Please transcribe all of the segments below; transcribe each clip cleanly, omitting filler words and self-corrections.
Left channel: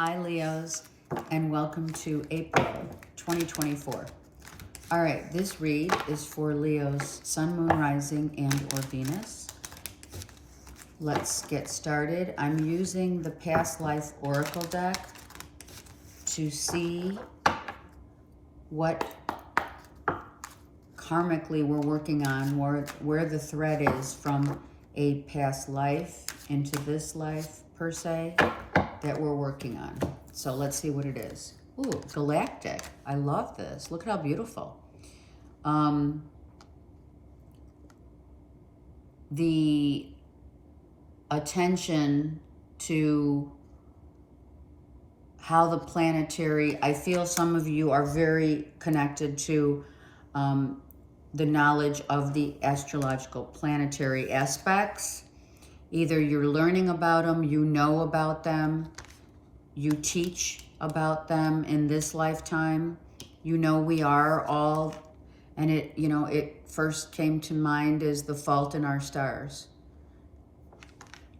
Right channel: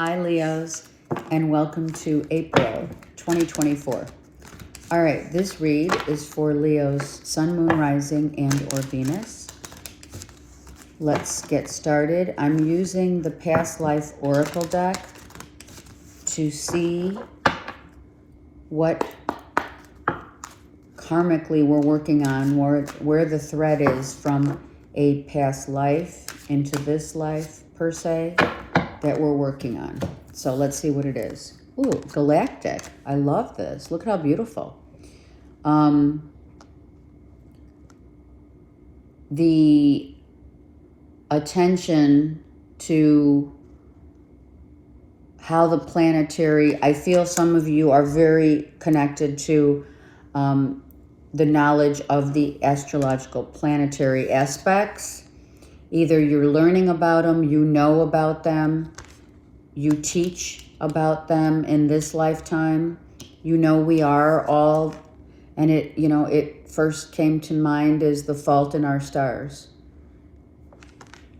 Hi, Leos, and welcome to April 2024. All right, this read is for Leo's Sun, Moon, Rising, and or Venus. Let's get started. I'm using the Past Life Oracle deck to see what karmically we're working on, where the thread is from a past life into this life, per se, that we're working on. So let's see what it is. Ooh, galactic. I love this. Look how beautiful. The attention to how the planetary, I feel some of you are very connected to the knowledge of the astrological planetary aspects. Either you're learning about them, you know about them, you teach about them in this lifetime. You know we are all, and it first came to mind as the fault in our stars.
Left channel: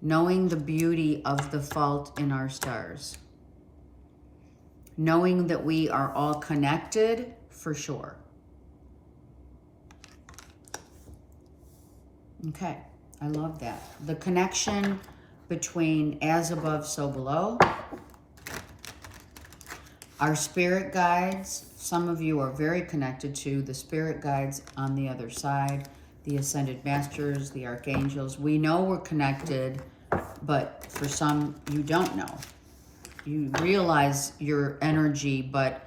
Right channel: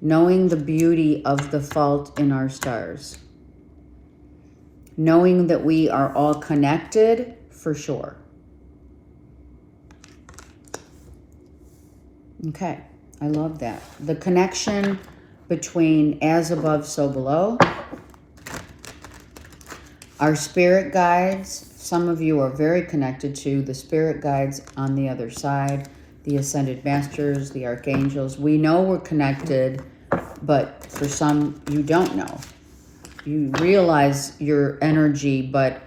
Knowing the beauty of the fault in our stars. Knowing that we are all connected, for sure. Okay, I love that. The connection between as above, so below. Our spirit guides, some of you are very connected to the spirit guides on the other side, the ascended masters, the archangels. We know we're connected, but for some, you don't know. You realize your energy, but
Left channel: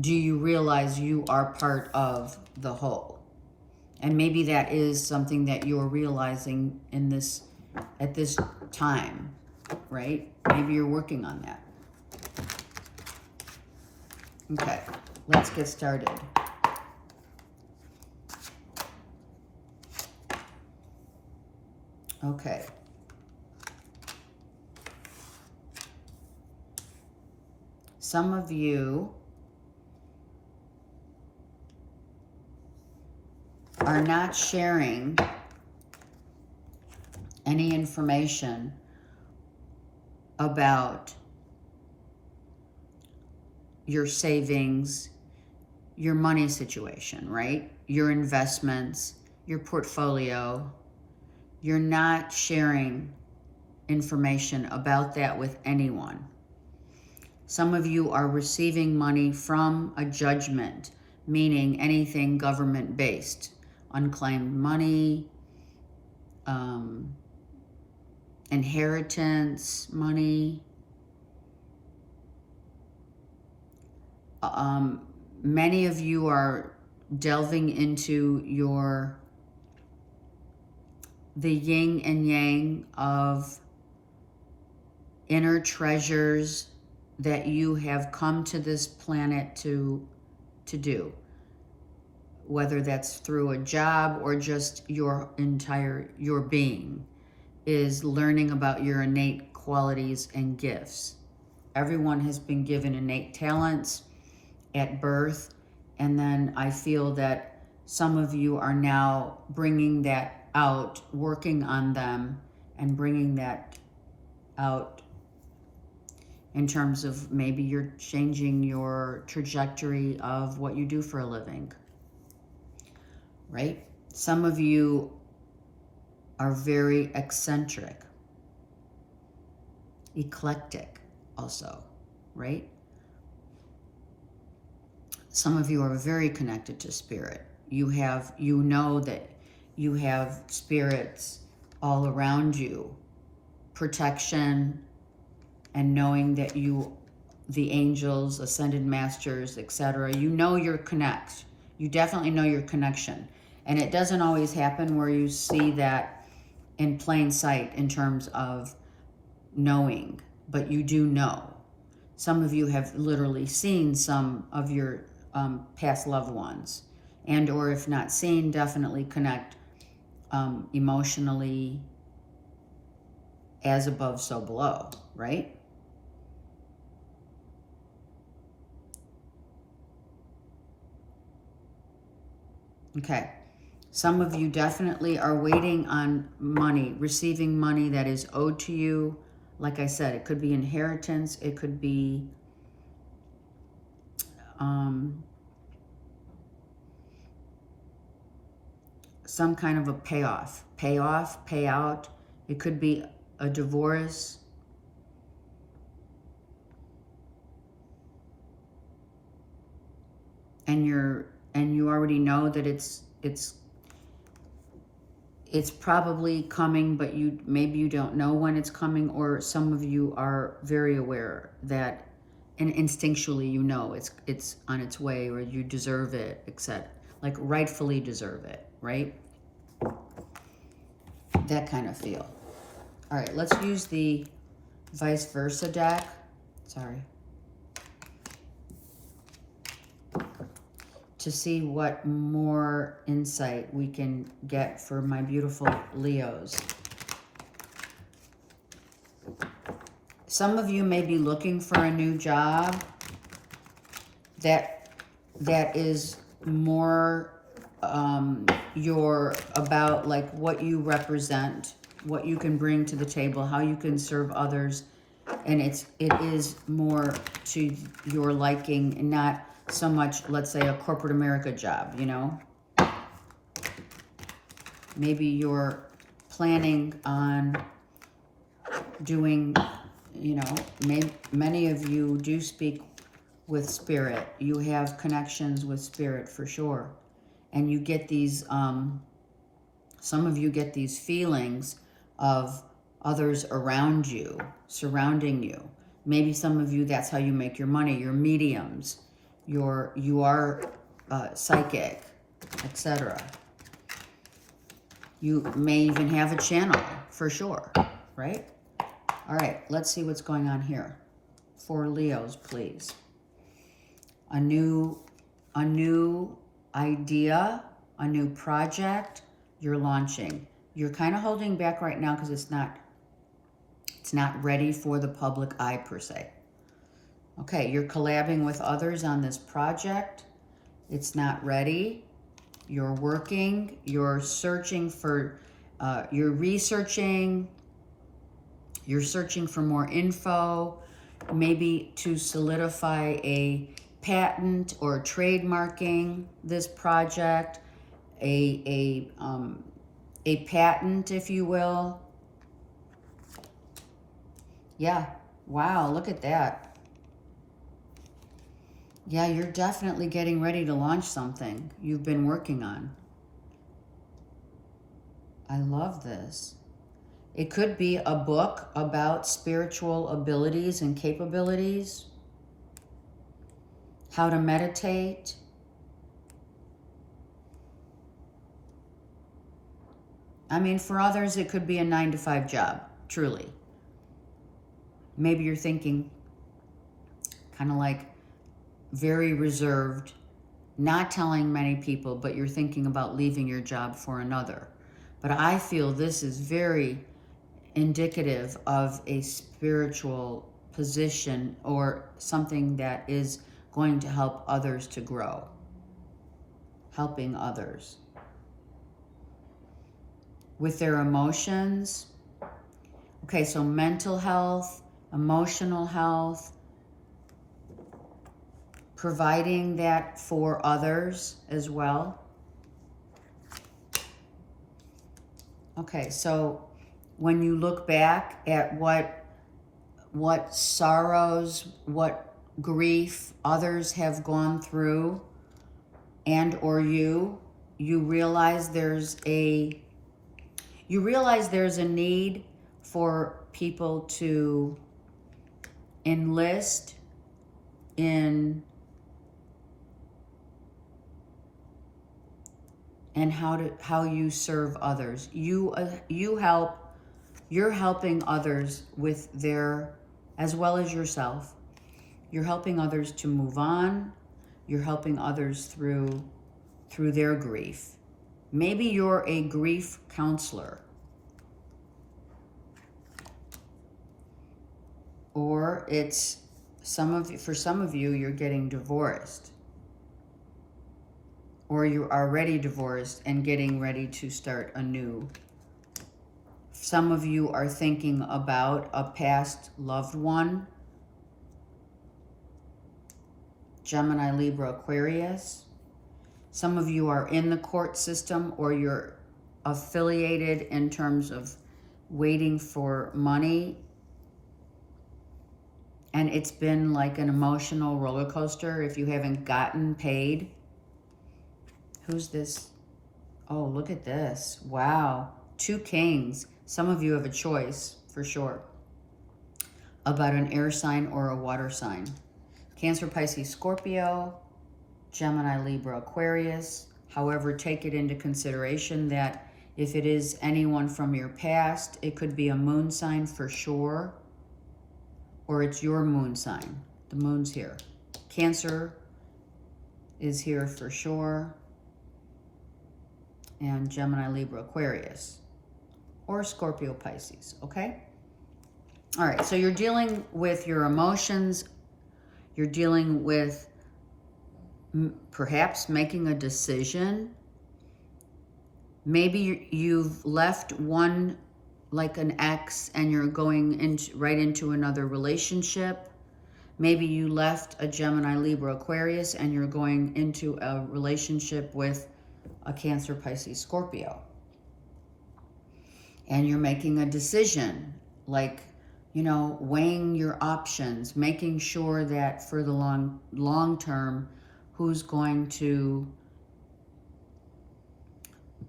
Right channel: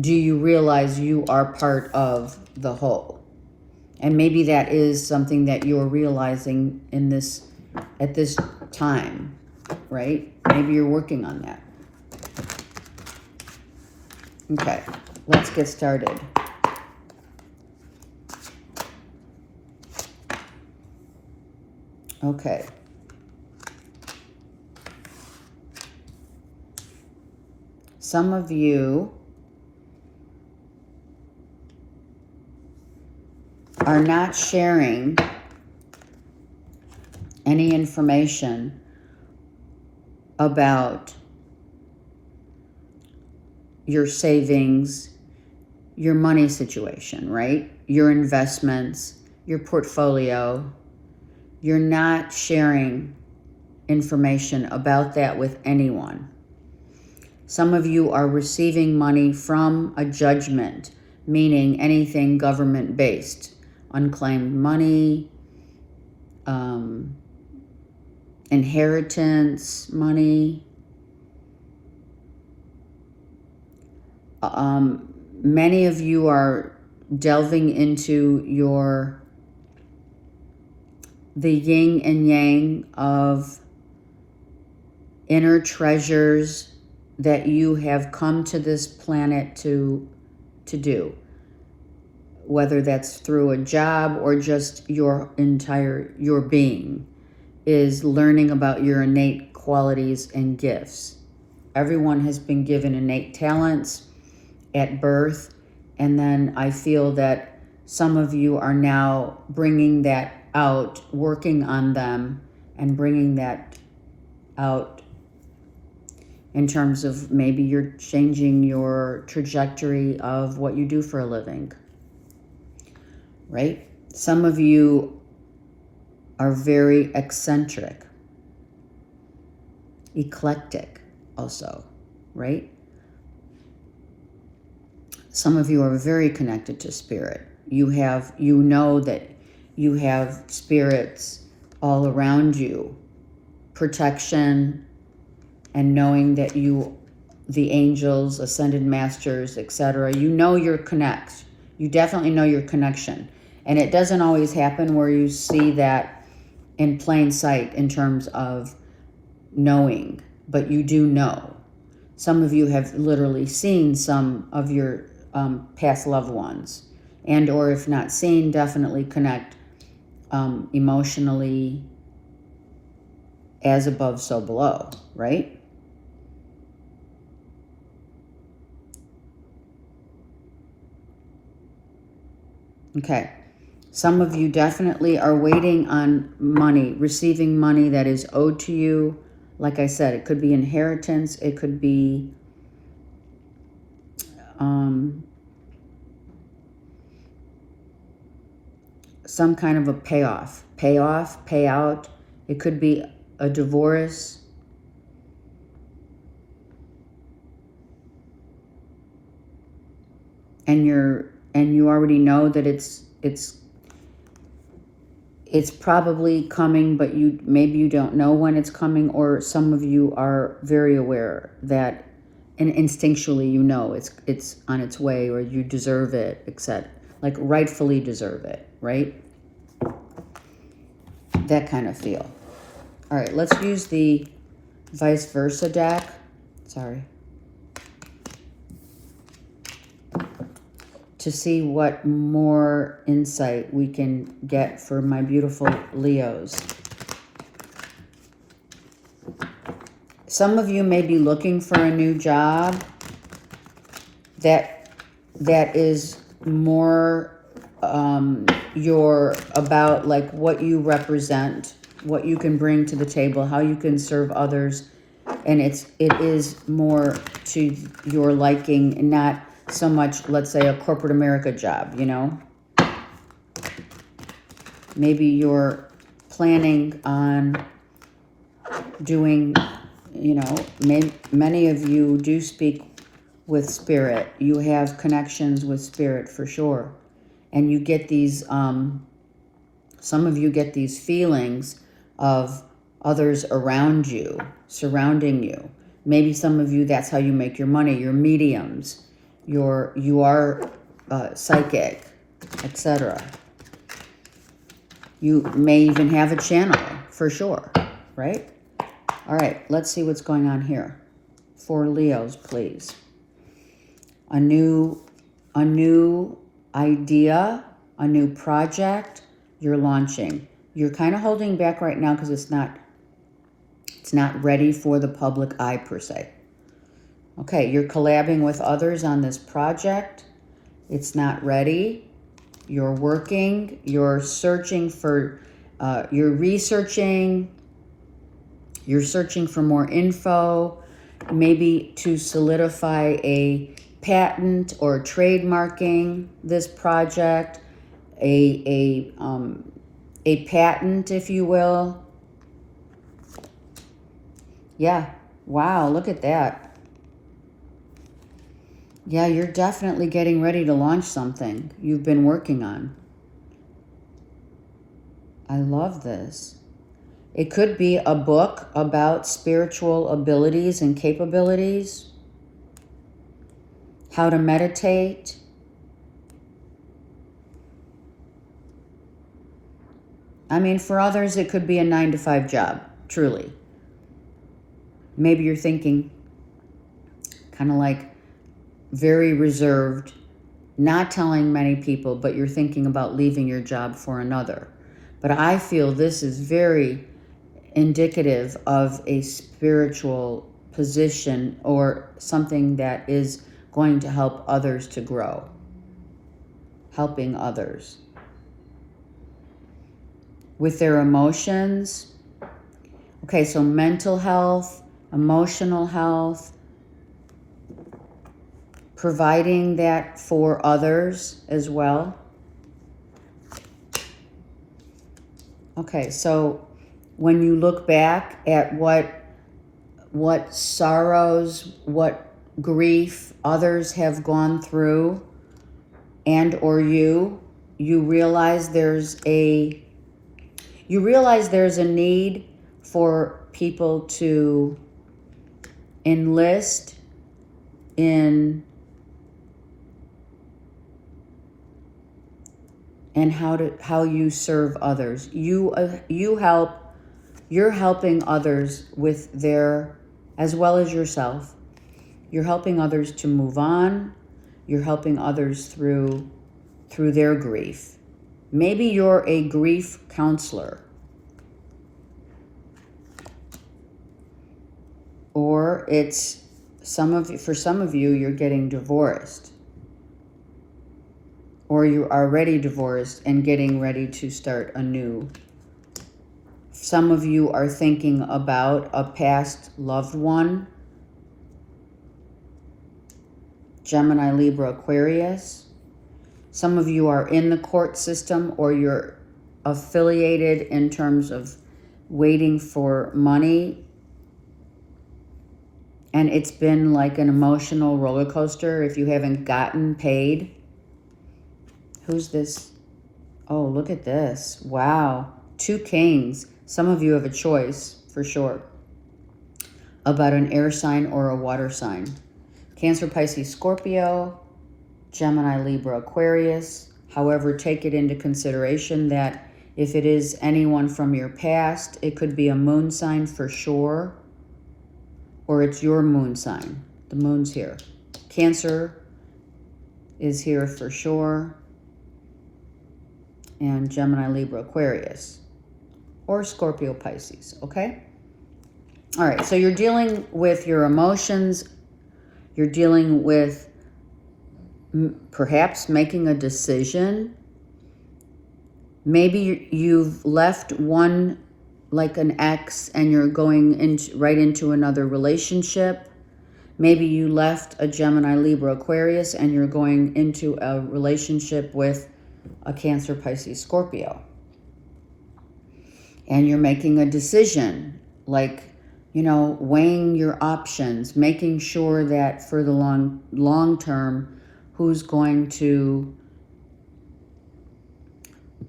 do you realize you are part of the whole? And maybe that is something that you're realizing at this time, right? Maybe you're working on that. Okay, let's get started. Okay. Some of you are not sharing any information about your savings, your money situation, right? Your investments, your portfolio. You're not sharing information about that with anyone. Some of you are receiving money from a judgment, meaning anything government-based. Unclaimed money, inheritance money. Many of you are delving into the yin and yang of inner treasures that you have come to this planet to do. Whether that's through a job or just your being is learning about your innate qualities and gifts. Everyone has been given innate talents at birth, and then I feel that some of you are now bringing that out, working on them and bringing that out in terms of maybe you're changing your trajectory of what you do for a living, right? Some of you are very eccentric, eclectic also, right? Some of you are very connected to spirit. You know that you have spirits all around you, protection, and knowing that the angels, ascended masters, etc., you know your connect. You definitely know your connection. And it doesn't always happen where you see that in plain sight in terms of knowing, but you do know. Some of you have literally seen some of your past loved ones, and or if not seen, definitely connect emotionally, as above, so below, right? Okay. Some of you definitely are waiting on money, receiving money that is owed to you, like I said, it could be inheritance. It could be some kind of a payoff, payout. It could be a divorce. And you already know that it's probably coming, but maybe you don't know when it's coming, or some of you are very aware that, and instinctually you know it's on its way, or you deserve it, etc. Like rightfully deserve it, right? That kind of feel. All right, let's use the vice versa deck. Sorry. To see what more insight we can get for my beautiful Leos. Some of you may be looking for a new job that is more about like what you represent, what you can bring to the table, how you can serve others, and it is more to your liking, and not so much, let's say, a corporate America job, you know. Maybe you're planning on doing, you know, many of you do speak with spirit. You have connections with spirit for sure. And you get these, some of you get these feelings of others around you, surrounding you. Maybe some of you, that's how you make your money. You're mediums. You are psychic, etc. You may even have a channel, for sure, right? All right, let's see what's going on here. For Leos, please. A new idea, a new project you're launching. You're kind of holding back right now because it's not ready for the public eye per se. Okay, you're collabing with others on this project. It's not ready. You're working. You're searching for, you're researching. You're searching for more info, maybe to solidify a patent or trademarking this project, a patent, if you will. Yeah, wow, look at that. Yeah, you're definitely getting ready to launch something you've been working on. I love this. It could be a book about spiritual abilities and capabilities, how to meditate. I mean, for others, it could be a 9-to-5 job, truly. Maybe you're thinking kind of like very reserved, not telling many people, but you're thinking about leaving your job for another. But I feel this is very indicative of a spiritual position or something that is going to help others to grow, helping others with their emotions. Okay, so mental health, emotional health, providing that for others as well. Okay, so when you look back at what sorrows, what grief others have gone through, and or you realize there's a need for people to enlist in and how you serve others. You're helping others with their, as well as yourself. You're helping others to move on. You're helping others through their grief. Maybe you're a grief counselor. Or it's for some of you, you're getting divorced. Or you're already divorced and getting ready to start a new Some of you are thinking about a past loved one. Gemini, Libra, Aquarius. Some of you are in the court system, or you're affiliated in terms of waiting for money. And it's been like an emotional roller coaster if you haven't gotten paid. Who's this? Oh, look at this. Wow. 2 kings. Some of you have a choice, for sure, about an air sign or a water sign. Cancer, Pisces, Scorpio, Gemini, Libra, Aquarius. However, take it into consideration that if it is anyone from your past, it could be a moon sign for sure, or it's your moon sign. The moon's here. Cancer is here for sure. And Gemini, Libra, Aquarius, or Scorpio, Pisces, okay? All right, so you're dealing with your emotions. You're dealing with perhaps making a decision. Maybe you've left one, like an ex, and you're going right into another relationship. Maybe you left a Gemini, Libra, Aquarius, and you're going into a relationship with a Cancer, Pisces, Scorpio. And you're making a decision, like, you know, weighing your options, making sure that for the long term, who's going to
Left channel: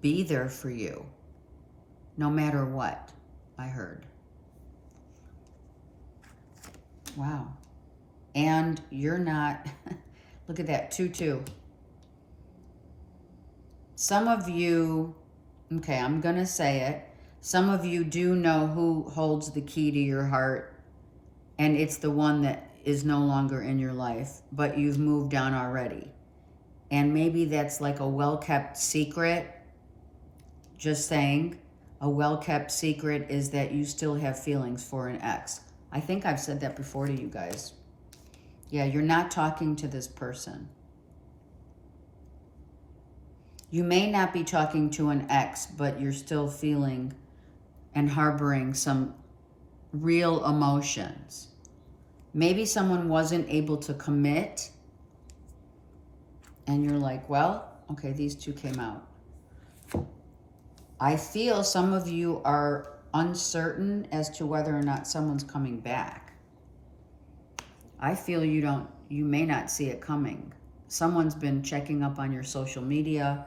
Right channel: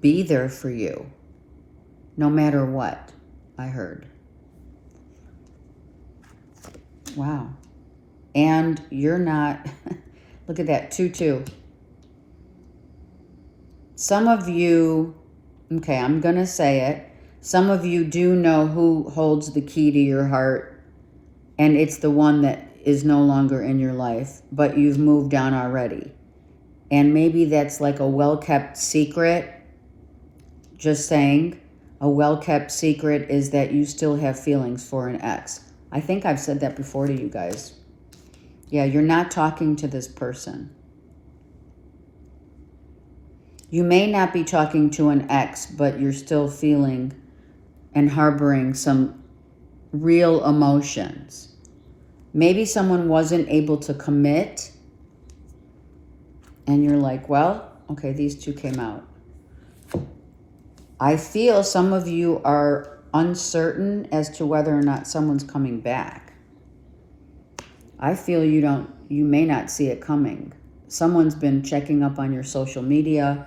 be there for you, no matter what, I heard. Wow. And you're not, look at that, 2-2. Some of you, okay, I'm going to say it. Some of you do know who holds the key to your heart, and it's the one that is no longer in your life, but you've moved on already. And maybe that's like a well-kept secret. Just saying, a well-kept secret is that you still have feelings for an ex. I think I've said that before to you guys. Yeah, you're not talking to this person. You may not be talking to an ex, but you're still feeling and harboring some real emotions. Maybe someone wasn't able to commit, and you're like, well, okay, these 2 came out. I feel some of you are uncertain as to whether or not someone's coming back. I feel you may not see it coming. Someone's been checking up on your social media.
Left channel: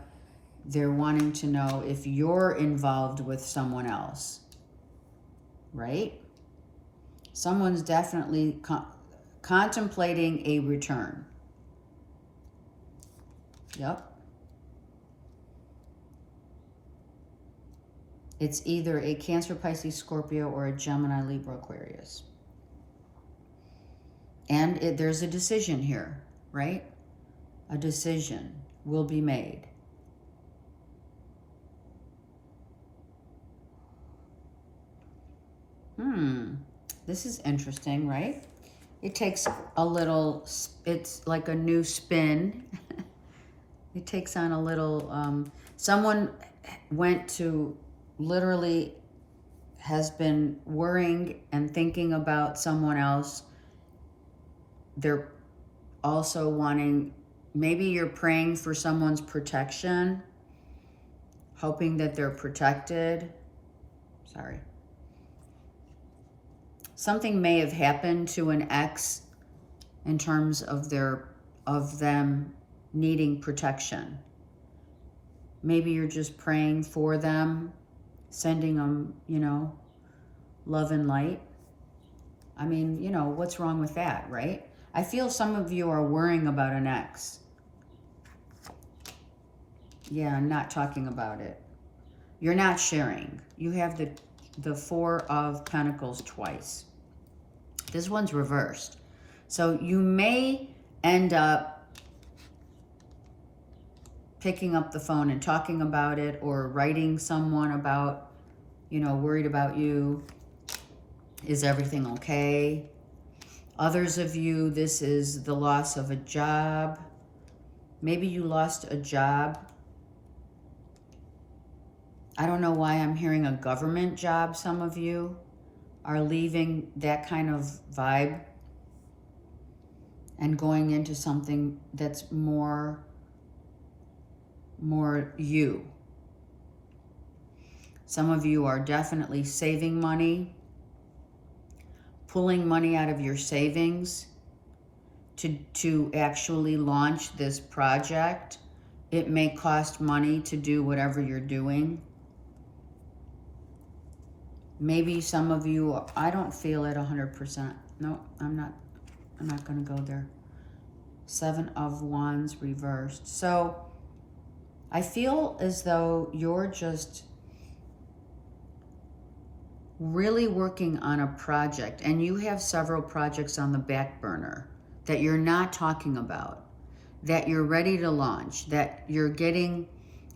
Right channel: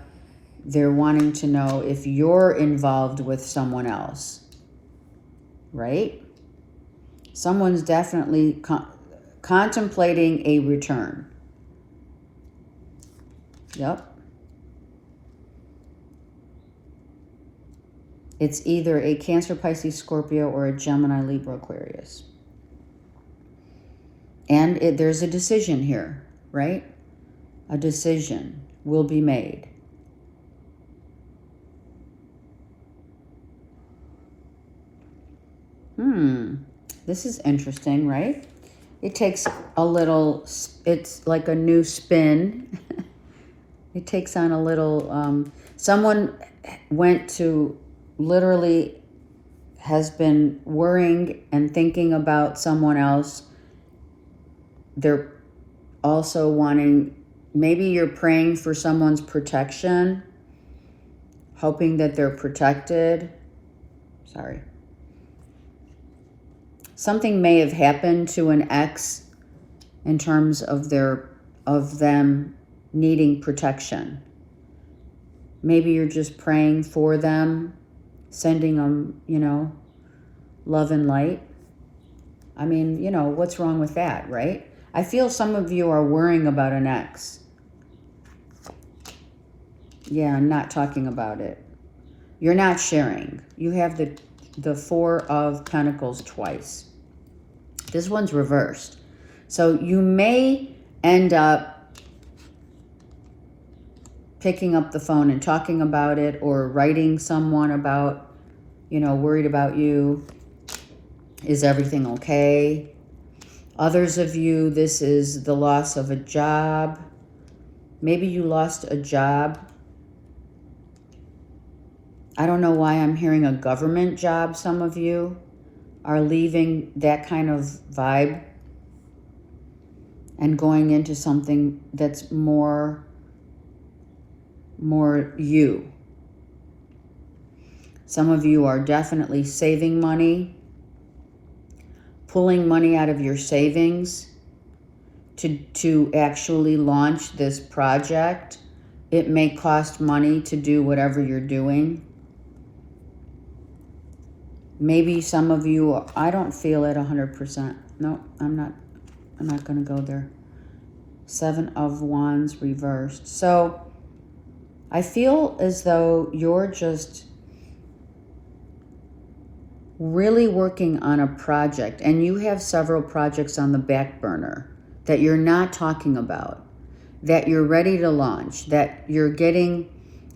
They're wanting to know if you're involved with someone else, right? Someone's definitely contemplating a return. Yep. It's either a Cancer, Pisces, Scorpio, or a Gemini, Libra, Aquarius. And there's a decision here, right? A decision will be made. This is interesting, right? It takes a little, it's like a new spin. It takes on a little, someone went to, literally has been worrying and thinking about someone else. They're also wanting, maybe you're praying for someone's protection, hoping that they're protected. Sorry. Something may have happened to an ex in terms of them needing protection. Maybe you're just praying for them, sending them, you know, love and light. I mean, you know, what's wrong with that, right? I feel some of you are worrying about an ex. Yeah, I'm not talking about it. You're not sharing. You have the 4 of Pentacles twice. This one's reversed. So you may end up picking up the phone and talking about it, or writing someone about, you know, worried about you. Is everything okay? Others of you, this is the loss of a job. Maybe you lost a job. I don't know why I'm hearing a government job. Some of you are leaving that kind of vibe and going into something that's more you. Some of you are definitely saving money, pulling money out of your savings to actually launch this project. It may cost money to do whatever you're doing. Maybe some of you, I don't feel it 100%. No, I'm not going to go there. 7 of Wands reversed. So I feel as though you're just really working on a project, and you have several projects on the back burner that you're not talking about, that you're ready to launch, that you're getting,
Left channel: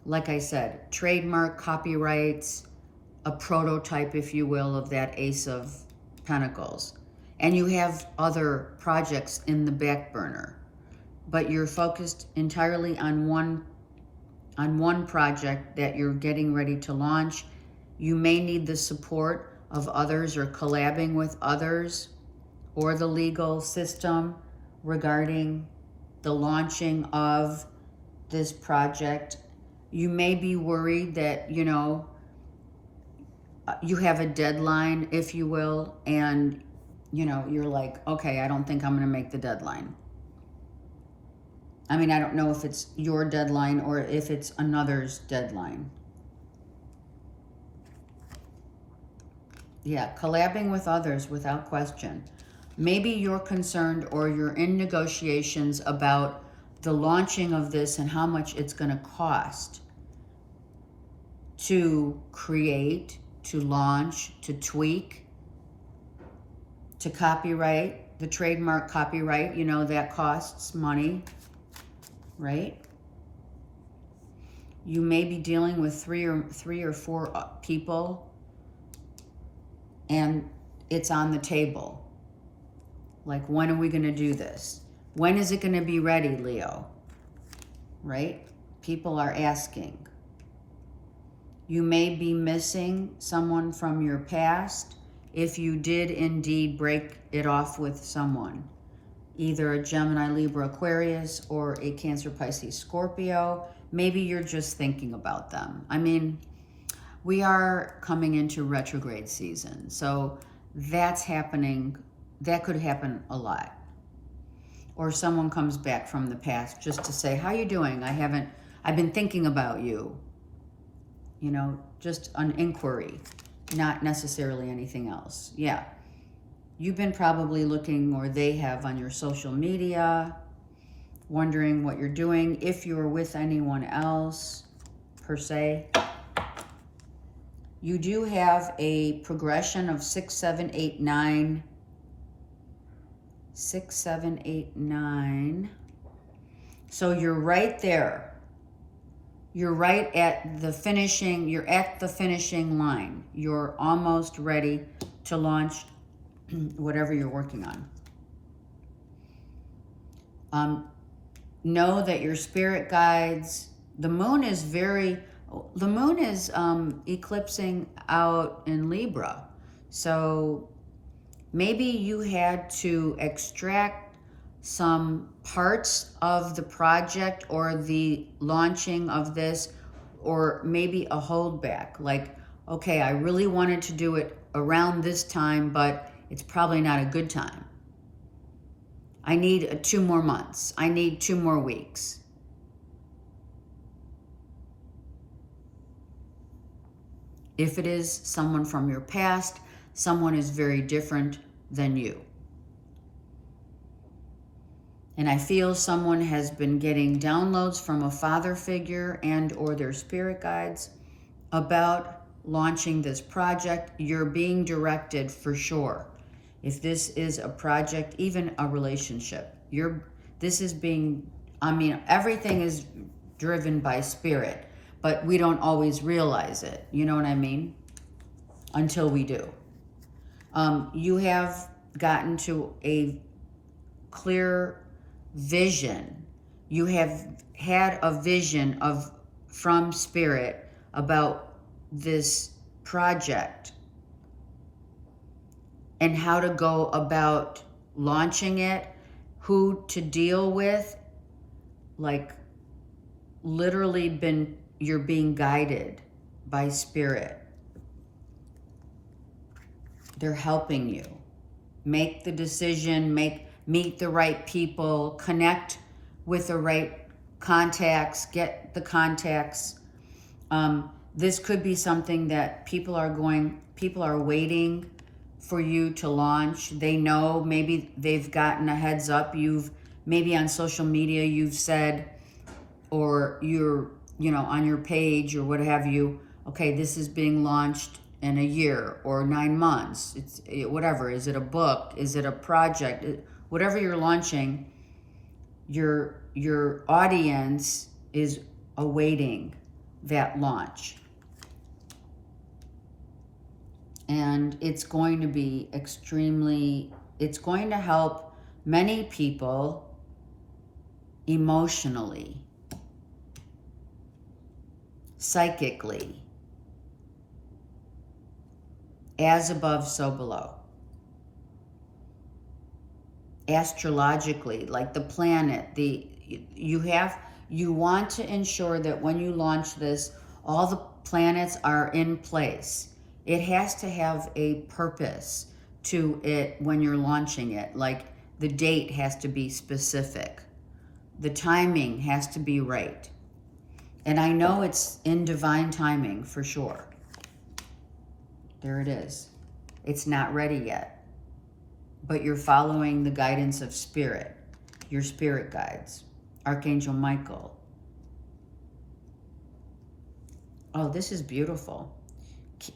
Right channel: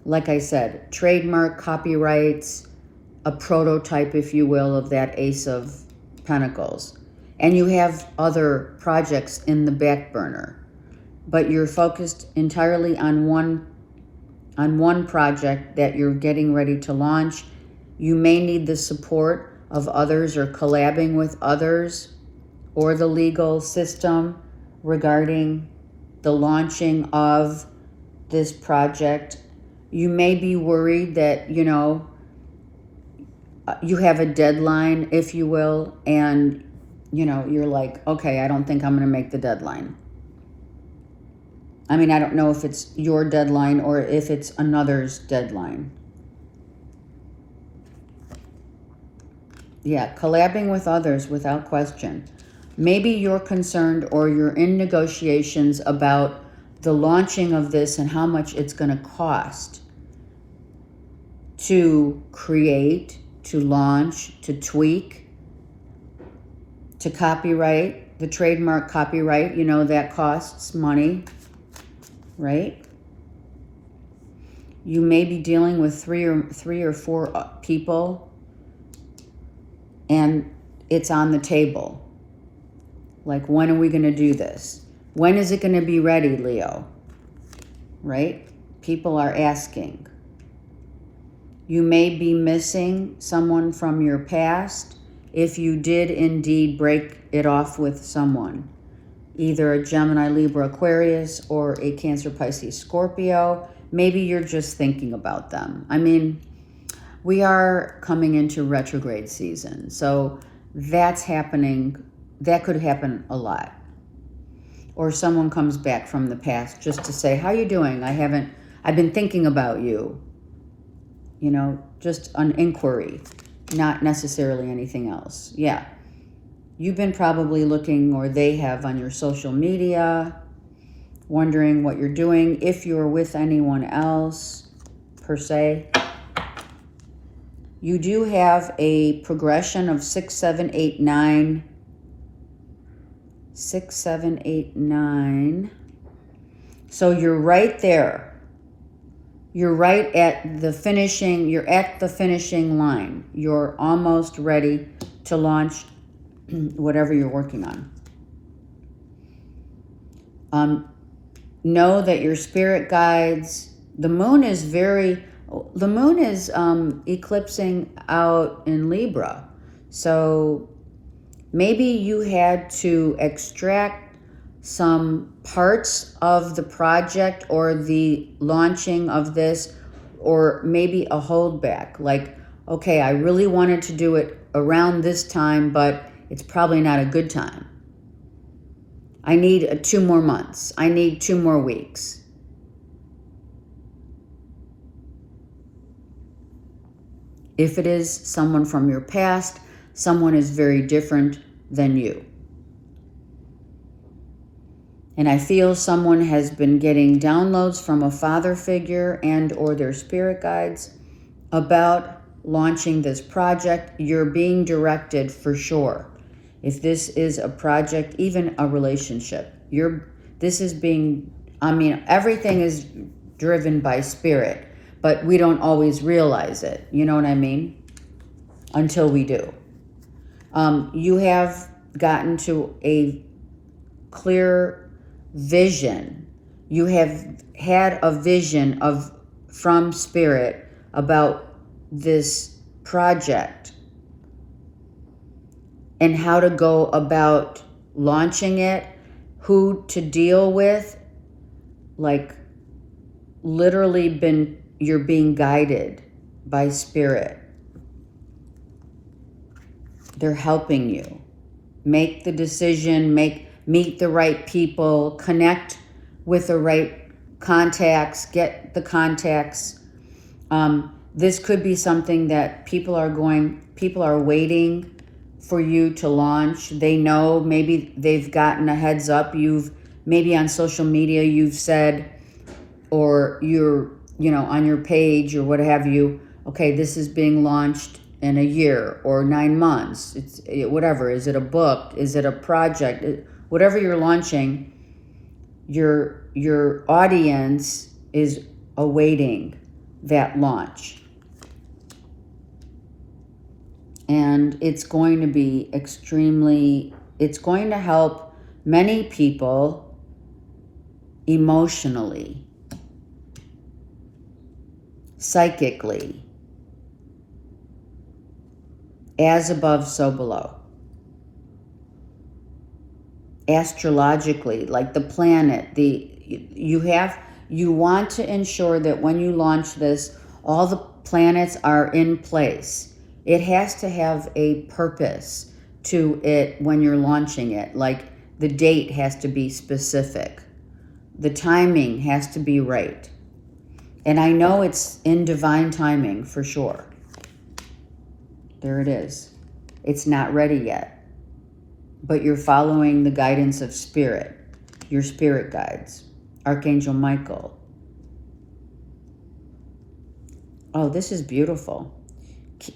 like I said, trademark, copyrights, a prototype, if you will, of that Ace of Pentacles. And you have other projects in the back burner, but you're focused entirely on one project that you're getting ready to launch. You may need the support of others or collabing with others or the legal system regarding the launching of this project. You may be worried that, you have a deadline, if you will, and, you're like, okay, I don't think I'm going to make the deadline. I mean, I don't know if it's your deadline or if it's another's deadline. Yeah, collabing with others without question. Maybe you're concerned or you're in negotiations about the launching of this and how much it's going to cost to create, to launch, to tweak, to copyright, the trademark copyright, that costs money, right? You may be dealing with three or four people, and it's on the table. Like, when are we going to do this? When is it going to be ready, Leo? Right? People are asking. You may be missing someone from your past if you did indeed break it off with someone. Either a Gemini, Libra, Aquarius, or a Cancer, Pisces, Scorpio. Maybe you're just thinking about them. I mean, we are coming into retrograde season, so that's happening. That could happen a lot. Or someone comes back from the past just to say, how you doing? I've been thinking about you. Just an inquiry, not necessarily anything else. Yeah. You've been probably looking, or they have, on your social media, wondering what you're doing, if you're with anyone else, per se. You do have a progression of 6, 7, 8, 9. 6, 7, 8, 9. So you're right there. You're right at the finishing, you're at the finishing line. You're almost ready to launch whatever you're working on. Know that your spirit guides, the moon is eclipsing out in Libra. So maybe you had to extract some parts of the project or the launching of this, or maybe a holdback. Like, okay, I really wanted to do it around this time, but it's probably not a good time. I need 2 more months. I need 2 more weeks. If it is someone from your past, someone is very different than you. And I feel someone has been getting downloads from a father figure and or their spirit guides about launching this project. You're being directed for sure. If this is a project, even a relationship, everything is driven by spirit, but we don't always realize it. You know what I mean? Until we do. You have gotten to a clear vision. You have had a vision from spirit about this project and how to go about launching it, who to deal with, like literally you're being guided by spirit. They're helping you make the decision, meet the right people, connect with the right contacts, get the contacts. This could be something that people are waiting for you to launch. They know, maybe they've gotten a heads up. Maybe on social media you've said, or you're, on your page or what have you, okay, this is being launched in a year or 9 months. It's whatever. Is it a book? Is it a project? Whatever you're launching, your audience is awaiting that launch. And it's going to be it's going to help many people emotionally, psychically, as above, so below. Astrologically, like the planet, you want to ensure that when you launch this, all the planets are in place. It has to have a purpose to it when you're launching it. Like the date has to be specific. The timing has to be right. And I know it's in divine timing for sure. There it is. It's not ready yet. But you're following the guidance of spirit, your spirit guides, Archangel Michael. Oh, this is beautiful.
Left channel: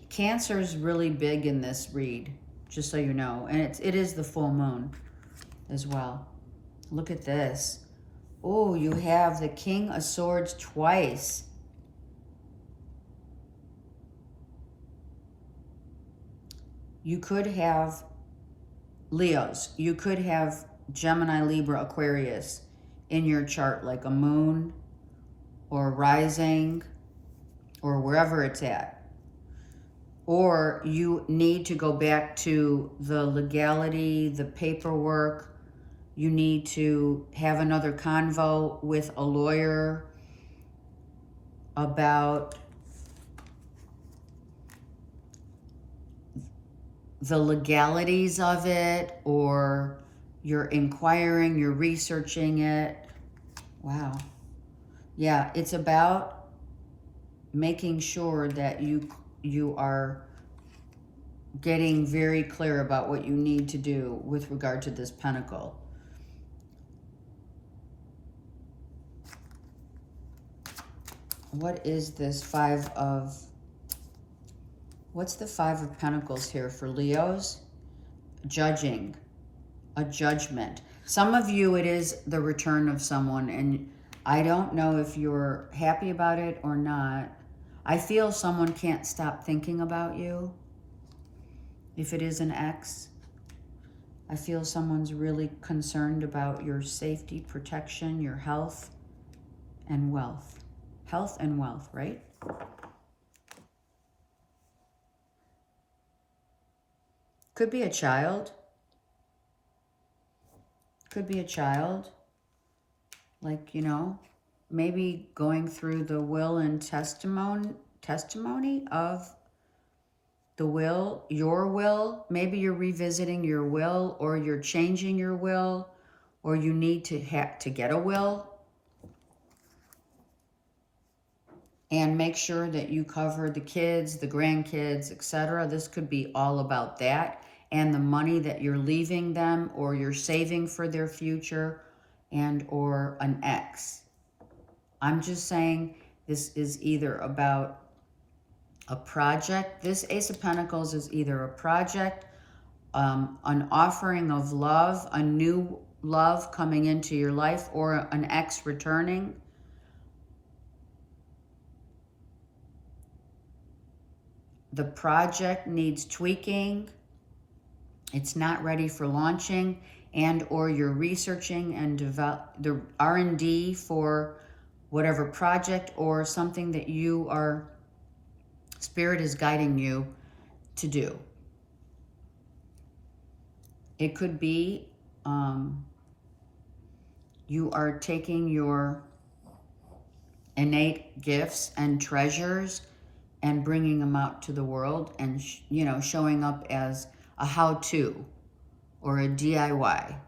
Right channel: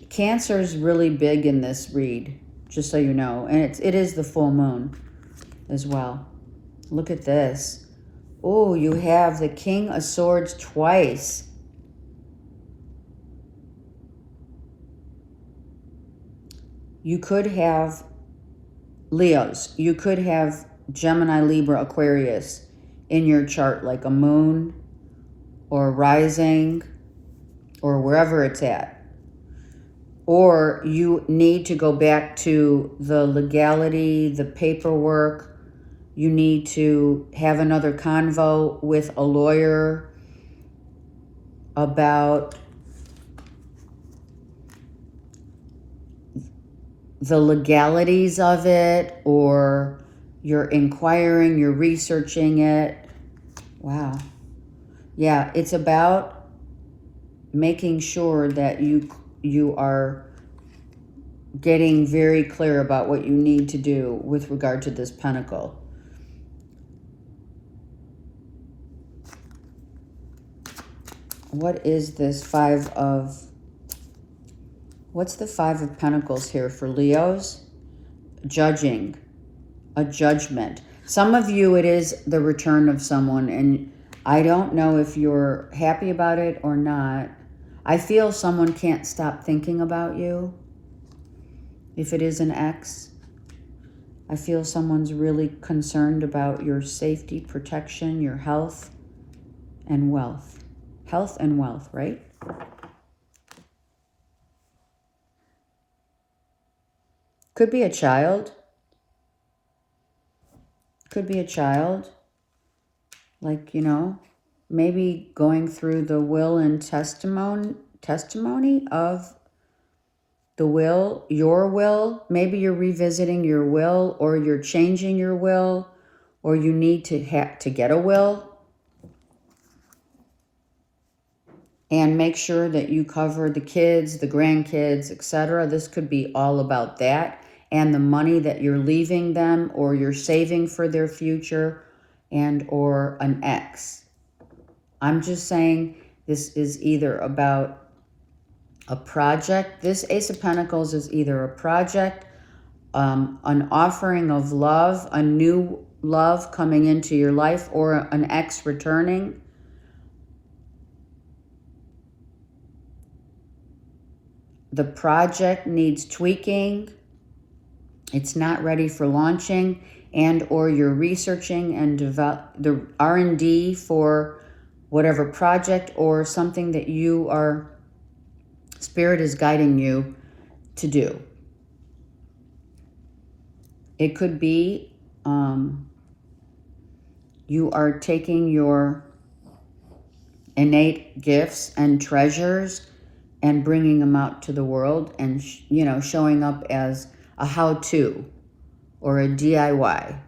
Cancer's really big in this read, just so you know. And it is the full moon as well. Look at this. Oh, you have the King of Swords twice. You could have Leos. You could have Gemini, Libra, Aquarius in your chart, like a moon or rising or wherever it's at. Or you need to go back to the legality, the paperwork. You need to have another convo with a lawyer about the legalities of it, or you're inquiring, you're researching it. Wow. Yeah, it's about making sure that you are getting very clear about what you need to do with regard to this pentacle. What is this what's the Five of Pentacles here for Leos? Judging, a judgment. Some of you, it is the return of someone, and I don't know if you're happy about it or not. I feel someone can't stop thinking about you. If it is an ex, I feel someone's really concerned about your safety, protection, your health, and wealth. Health and wealth, right? Could be a child. Could be a child. Like, maybe going through the will and testimony of the will, your will. Maybe you're revisiting your will, or you're changing your will, or you need to get a will. And make sure that you cover the kids, the grandkids, etc. This could be all about that. And the money that you're leaving them, or you're saving for their future, and or an ex. I'm just saying this is either about a project. This Ace of Pentacles is either a project, an offering of love, a new love coming into your life, or an ex returning. The project needs tweaking. It's not ready for launching, and or you're researching and develop the R&D for whatever project or something that you are Spirit is guiding you to do. It could be you are taking your innate gifts and treasures and bringing them out to the world and, showing up as a how-to or a DIY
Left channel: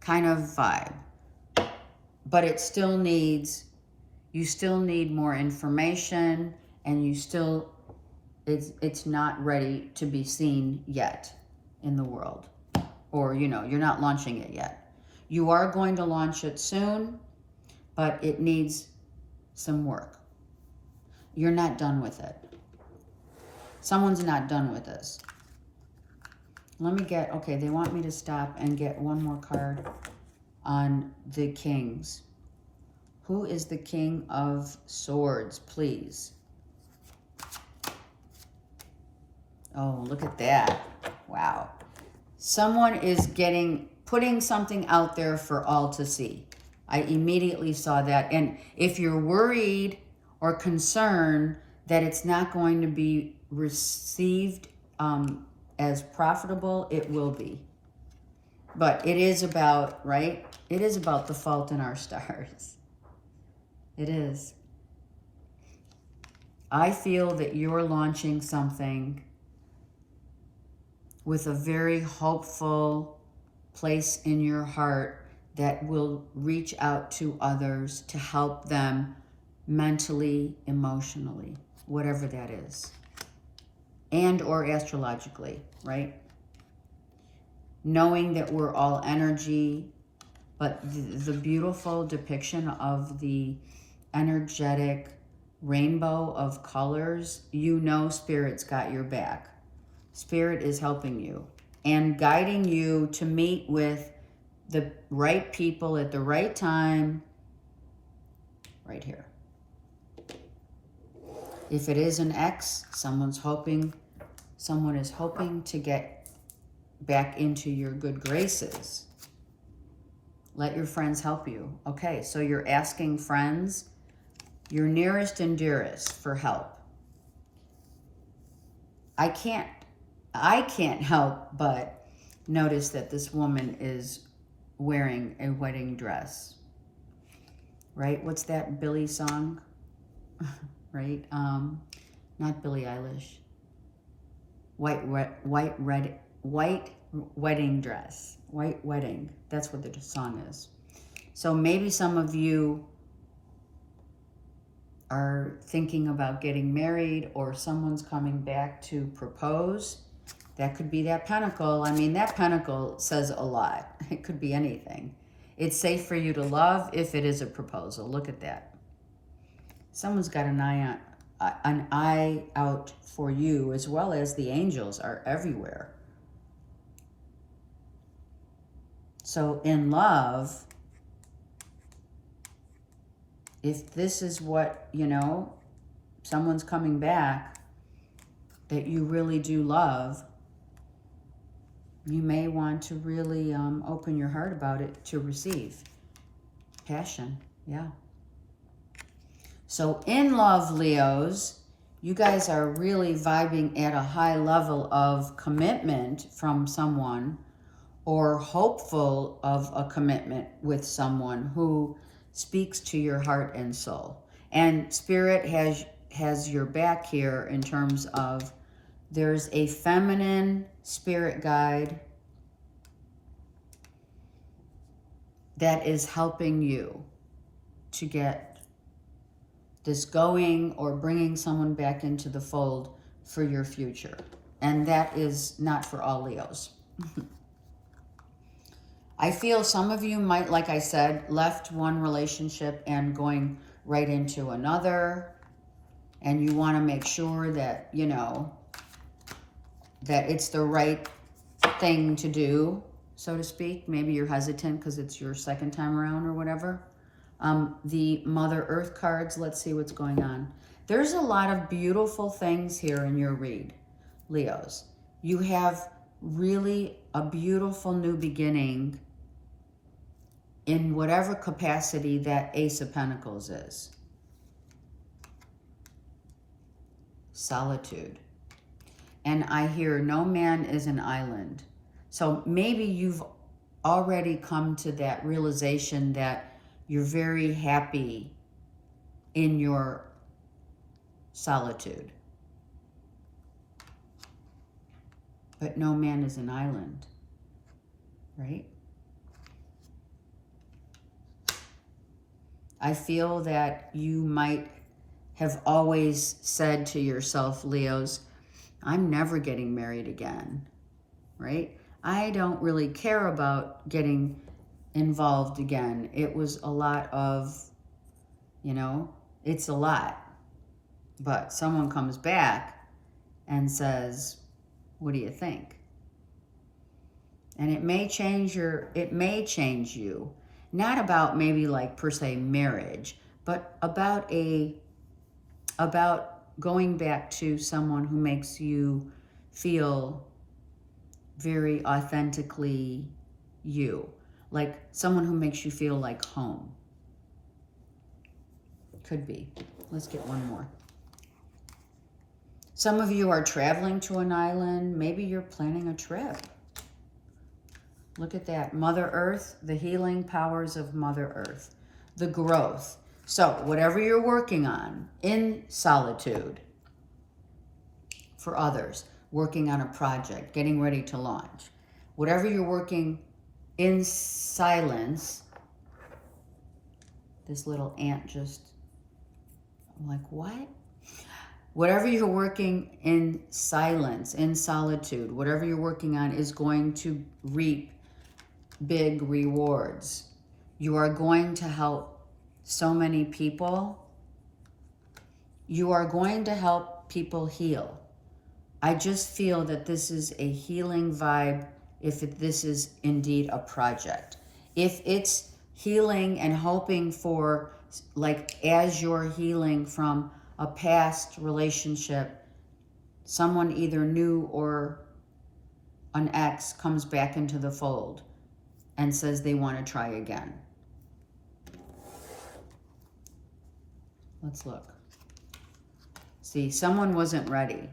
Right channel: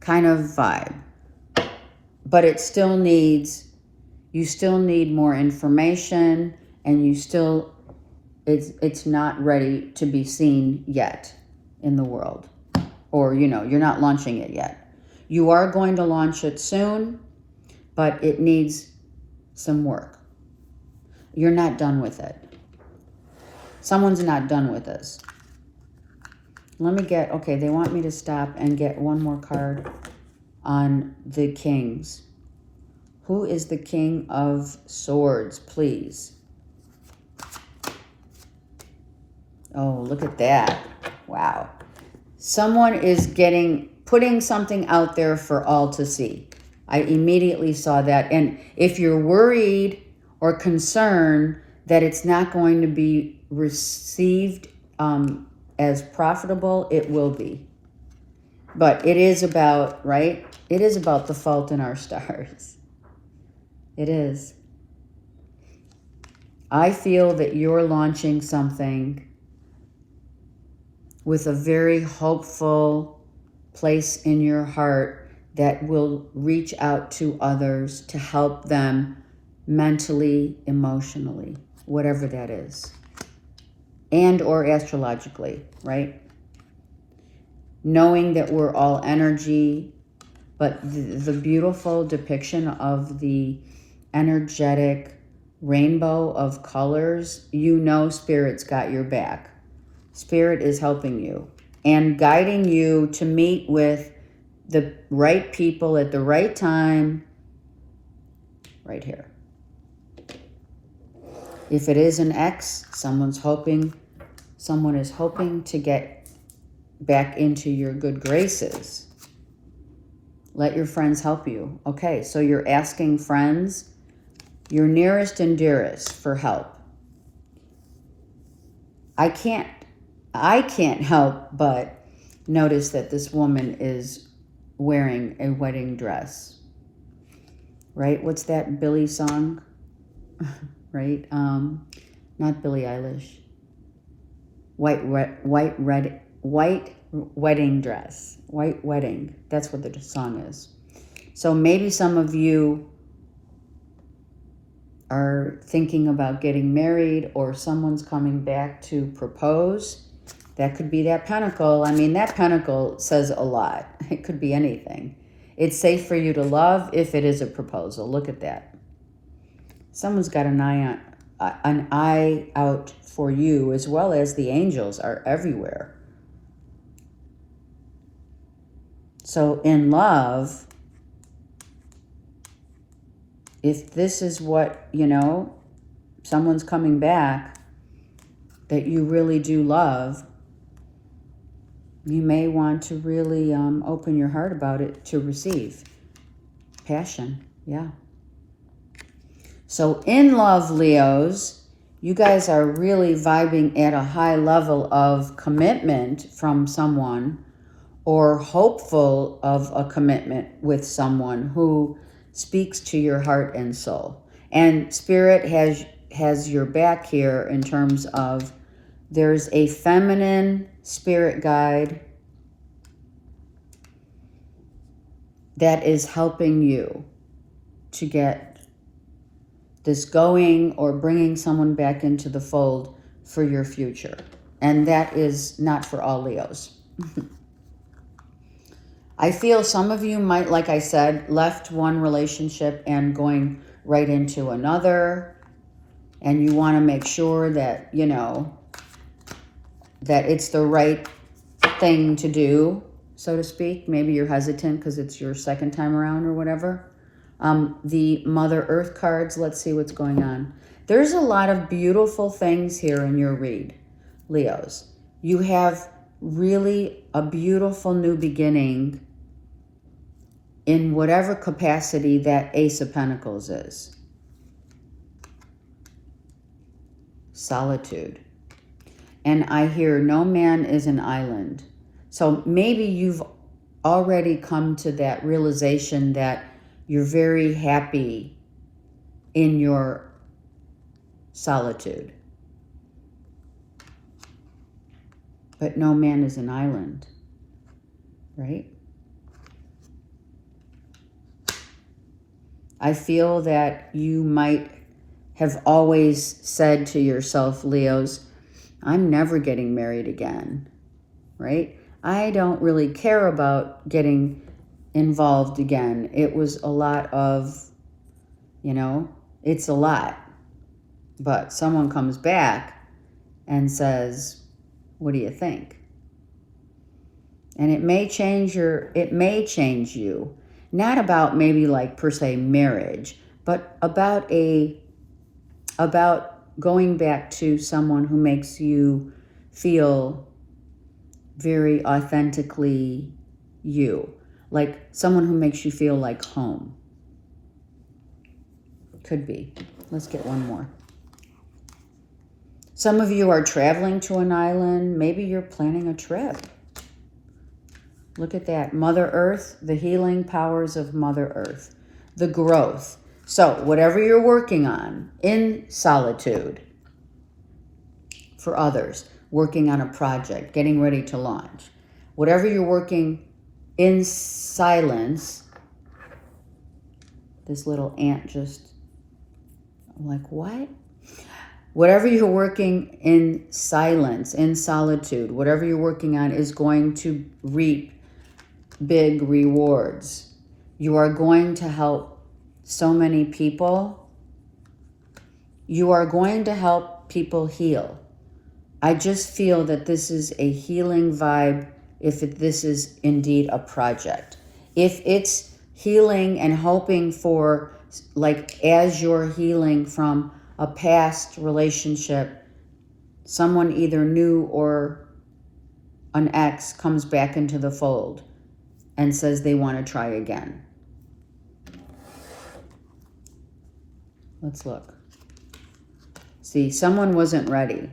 kind of vibe. But it still needs, you still need more information, and you still, it's not ready to be seen yet in the world. Or, you're not launching it yet. You are going to launch it soon, but it needs some work. You're not done with it. Someone's not done with this. Let me get, okay, they want me to stop and get one more card on the Kings. Who is the King of Swords, please? Oh, look at that. Wow. Someone is putting something out there for all to see. I immediately saw that. And if you're worried or concerned that it's not going to be received as profitable, it will be. But it is about, right? It is about the fault in our stars. It is. I feel that you're launching something with a very hopeful place in your heart that will reach out to others to help them mentally, emotionally, whatever that is. And or astrologically, right? Knowing that we're all energy, but the beautiful depiction of the energetic rainbow of colors, Spirit's got your back. Spirit is helping you and guiding you to meet with the right people at the right time, right here. If it is an ex, someone is hoping to get back into your good graces. Let your friends help you. Okay, so you're asking friends, your nearest and dearest, for help. I can't help but notice that this woman is wearing a wedding dress. Right? What's that Billie song? Right? Not Billie Eilish. White wedding dress. White wedding. That's what the song is. So maybe some of you are thinking about getting married, or someone's coming back to propose. That could be that pentacle. I mean, that pentacle says a lot. It could be anything. It's safe for you to love if it is a proposal. Look at that. Someone's got an eye out for you, as well as the angels are everywhere. So in love, if this is what, someone's coming back that you really do love, you may want to really open your heart about it to receive. Passion, yeah. So in love, Leos, you guys are really vibing at a high level of commitment from someone, or hopeful of a commitment with someone who speaks to your heart and soul. And Spirit has your back here in terms of there's a feminine spirit guide that is helping you to get this going, or bringing someone back into the fold for your future. And that is not for all Leos. I feel some of you might, like I said, left one relationship and going right into another. And you want to make sure that, that it's the right thing to do, so to speak. Maybe you're hesitant because it's your second time around or whatever. The Mother Earth cards, let's see what's going on. There's a lot of beautiful things here in your read, Leos. You have really a beautiful new beginning in whatever capacity that Ace of Pentacles is. solitude. And I hear no man is an island. So maybe you've already come to that realization that you're very happy in your solitude. But no man is an island, right? I feel that you might have always said to yourself, Leos, I'm never getting married again, right? I don't really care about getting involved again. It was a lot of, it's a lot. But someone comes back and says, what do you think? And it may change you. Not about maybe like per se marriage, but about going back to someone who makes you feel very authentically you. Like someone who makes you feel like home. Could be. Let's get one more. Some of you are traveling to an island. Maybe you're planning a trip. Look at that. Mother Earth, the healing powers of Mother Earth, the growth. So whatever you're working on in solitude for others, working on a project, getting ready to launch, whatever you're working in silence, this little ant just, I'm like, what? Whatever you're working in silence, in solitude, whatever you're working on is going to reap big rewards. You are going to help so many people. You are going to help people heal. I just feel that this is a healing vibe if this is indeed a project. If it's healing and hoping for, like as you're healing from a past relationship, someone either new or an ex comes back into the fold and says they want to try again. Let's look. See, someone wasn't ready.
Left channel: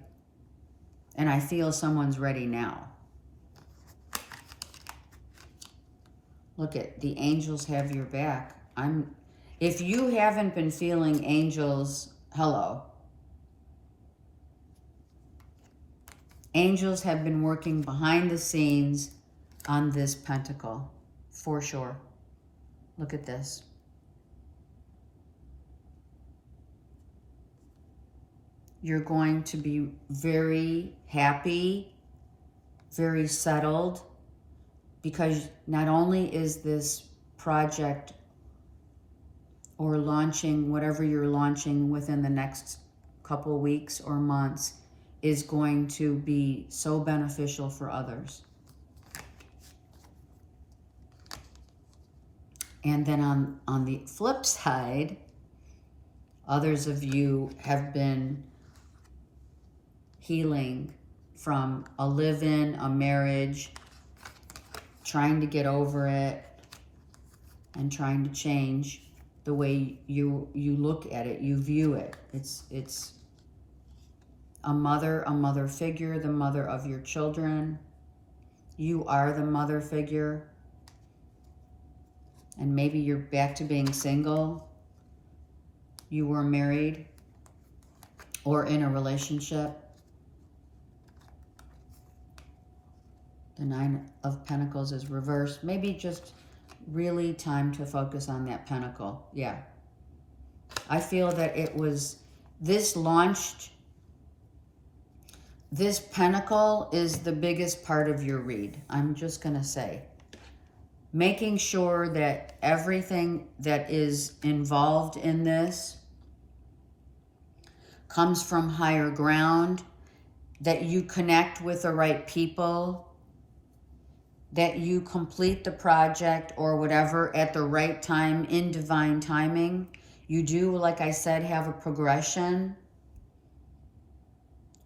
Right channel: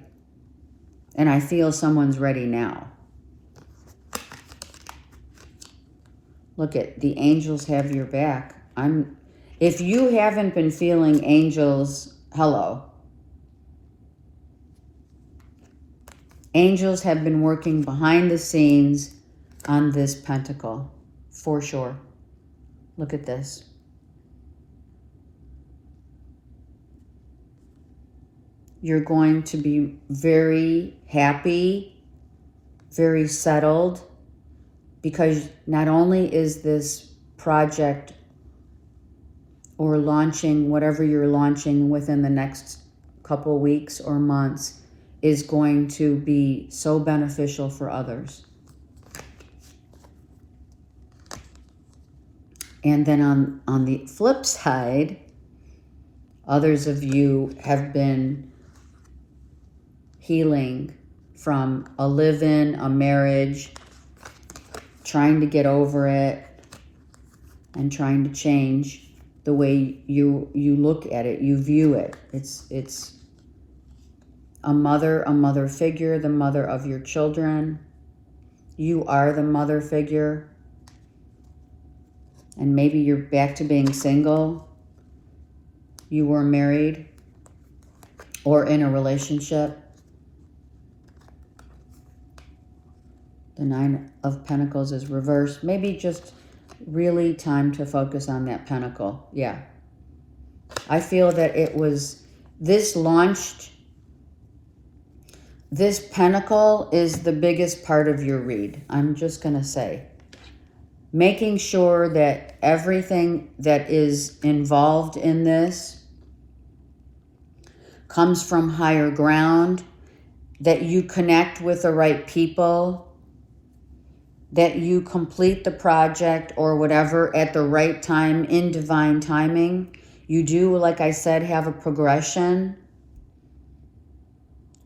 And I feel someone's ready now. Look at the angels have your back. If you haven't been feeling angels, hello. Angels have been working behind the scenes on this pentacle, for sure. Look at this. You're going to be very happy, very settled, because not only is this project or launching, whatever you're launching within the next couple weeks or months, is going to be so beneficial for others. And then on the flip side, others of you have been healing from a live-in, a marriage, trying to get over it and trying to change the way you look at it, you view it. It's a mother figure, the mother of your children. You are the mother figure. And maybe you're back to being single. You were married or in a relationship. The Nine of Pentacles is reversed. Maybe just really time to focus on that pentacle. Yeah. I feel that this pentacle is the biggest part of your read. I'm just going to say. Making sure that everything that is involved in this comes from higher ground, that you connect with the right people, that you complete the project or whatever at the right time in divine timing. You do, like I said, have a progression,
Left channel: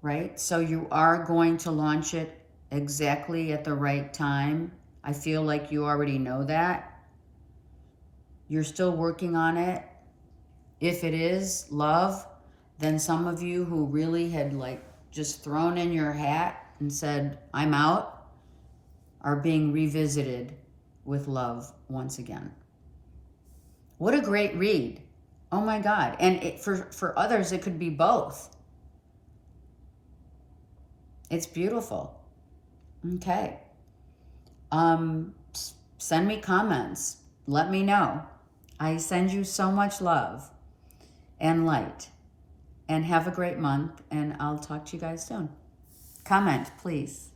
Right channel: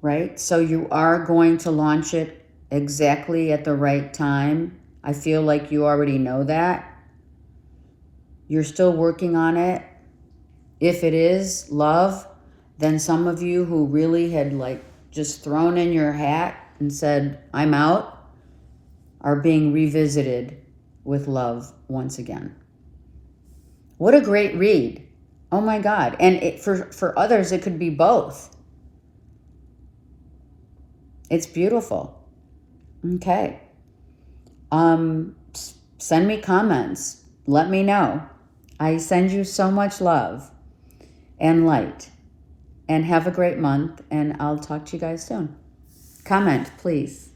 right? So you are going to launch it exactly at the right time. I feel like you already know that. You're still working on it. If it is love, Then some of you who really had like just thrown in your hat and said, I'm out, are being revisited with love once again. What a great read. Oh my God. And for others, it could be both. It's beautiful. Okay. Send me comments. Let me know. I send you so much love and light. And have a great month. And I'll talk to you guys soon. Comment, please.